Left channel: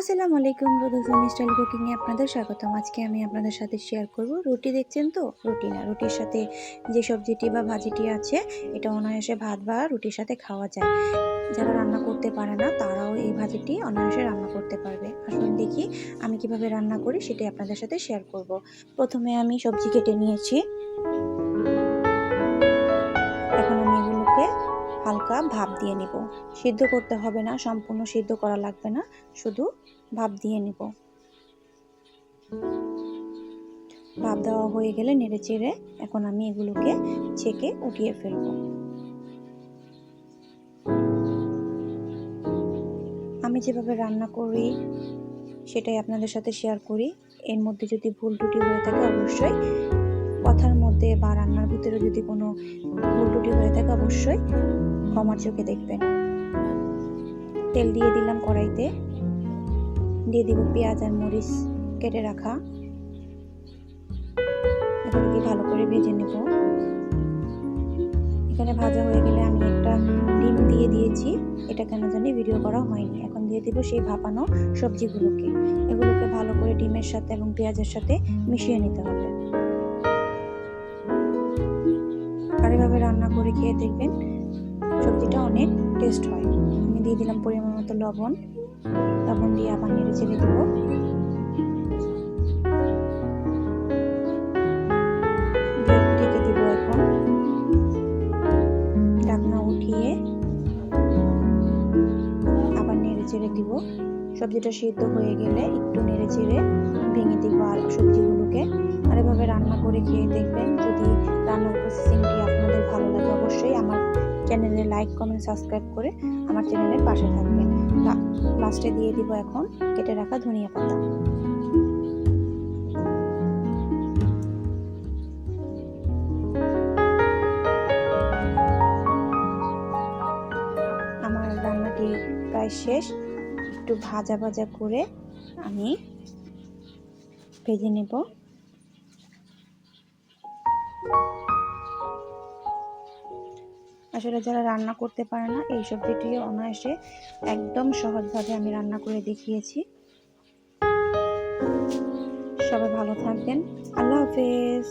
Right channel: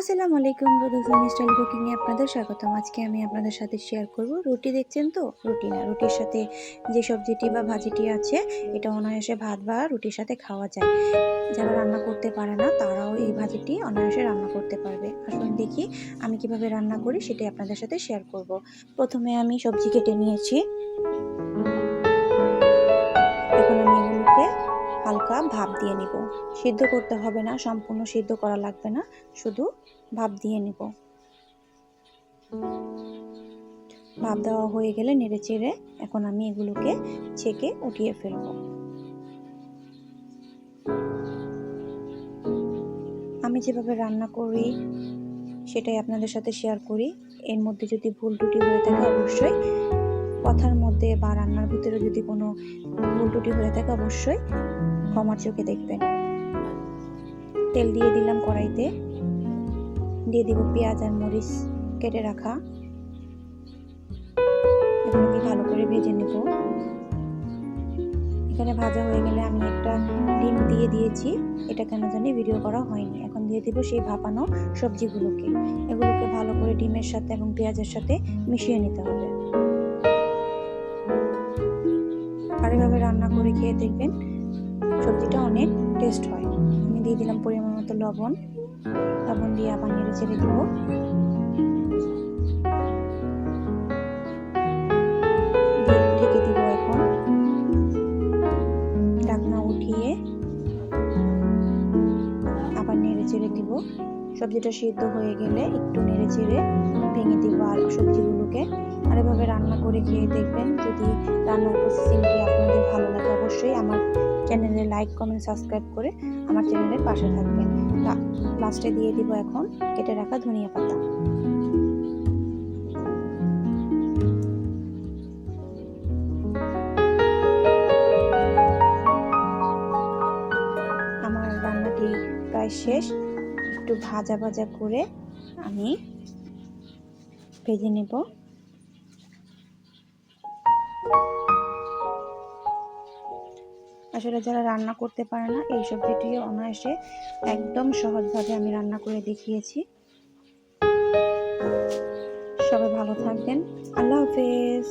আসসালামু আলাইকুম, রোদুফানি style cooking এ আপনাদের স্বাগতম। আজকে আমি আপনাদের সাথে শেয়ার করব রুটি। দেখছেন তো, রুটি না, রুটির সাথে যে সবজিটি বা ভাজিটি আছে এটা অনায়াসে ভাত বা রুটির সাথে খাওয়া যায়। যারা রান্না করতে পারে না তারাও এই ভাজিটি অনায়াসে রান্না করতে পারবে। আসুন দেখি আমি কিভাবে রান্না করি, সেটাই আপনাদের সাথে শেয়ার করব। প্রথমে আমি সবজি কেটে নিয়েছি। এখন আমি এগুলোকে হালকা ভাপ দিয়ে নিব। সিদ্ধ করতে হবে না, সম্পূর্ণ সিদ্ধ করা লাগবে না, শুধু ভাপ দিয়ে নিব। ভাপ দেওয়া হয়ে গেলে নেড়ে চেড়ে এখন আমি এগুলোকে ছেঁকে উঠিয়ে ফেলব। আমি যেভাবে রান্না করি সেটাই আপনাদের সাথে শেয়ার করি। এর মধ্যে যদি ভুল ত্রুটি হয়ে থাকে অবশ্যই কথার মধ্যে বা রান্নার ভিতরে যদি কোনো ভুল ত্রুটি হয়ে থাকে অবশ্যই ক্ষমার চোখে দেখবেন। তেল দিয়ে দিলাম কড়াইতে, দিয়ে দিব পেঁয়াজ আর মরিচ কেটে রাখা। এগুলোকে ভালো করে ভেজে নেব। এখানে ভাজা হয়ে গেলে আমি একটা ডিম দিয়ে দিয়েছি, এটা কেন জানি ভিডিও করা হয়নি। এখন দিয়ে দিব সেই ভাপানো সবজিগুলোকে। এগুলোকে ভালো করে ডিমের সাথে এবং পেঁয়াজের সাথে মিশিয়ে নিতে হবে। আর এভাবে রান্না করে খেয়ে দেখবেন সবজিটা অনেক টেস্ট হয়। আমি দিয়ে দিলাম পরিমাণ মতো লবণ দিয়ে আবার নেড়ে চেড়ে দিব। ঢেকে দিব। এখন ঢাকনা উঠিয়ে আবার নেড়ে চেড়ে দিব। সবজিটা সিদ্ধ হয়ে গেলে একটু নেড়ে চেড়ে ভেঙে দিব আর সবজিগুলোকে। আর এভাবে রান্না করে খেয়ে দেখবেন। যদি রান্নার প্রসেসিংটি আপনাদের ভালো লাগে অবশ্যই আমার চ্যানেলে লাইক কমেন্ট সাবস্ক্রাইব করে আমার চ্যানেলের পাশে থাকবেন। লাস্টে দিয়ে দিব এখন কেটে রাখা ধনিয়া পাতা। আমার রান্নাটি প্রায় শেষ। একটু ভাজা ভাজা করে আমি ভেজে নেব। আসলে যারা রান্না করতে পারে না এই সবজিটি অনায়াসে একদম সহজভাবে আমি রান্না করে দেখিয়েছি। সবাই ভালো থাকবেন। আল্লাহ হাফেজ।